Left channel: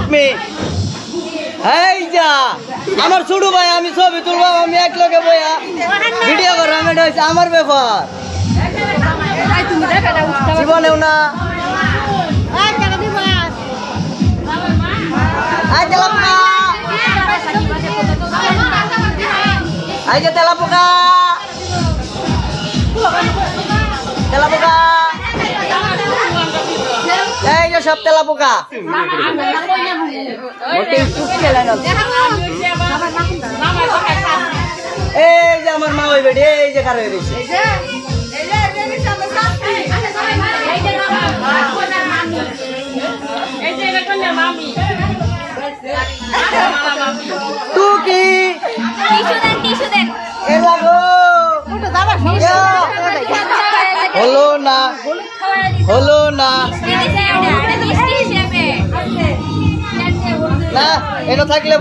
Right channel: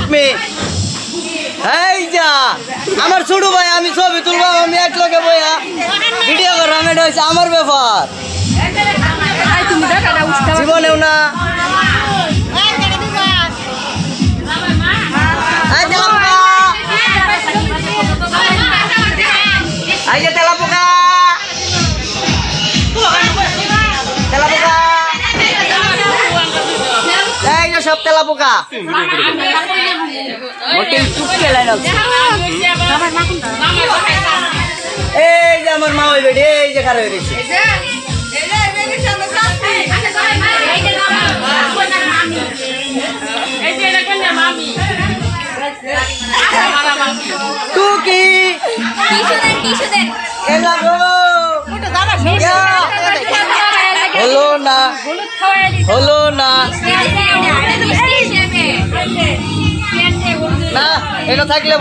রুকমি এই যা আমার ছোট ভাই আমি ছবি তুলবো আমি এক লগে বইয়া ভিডিও করলাম এটা হচ্ছে আমার ব্যাপার জীবনেও না এই যে তেলাপোকা তেলাপোকা এই যে সব তেলাপোকা এই যে আমার মা ওই বেডি এই যে খারাপ হয়ে গেছে টুকি হলো না হলো না না এটা থাকলে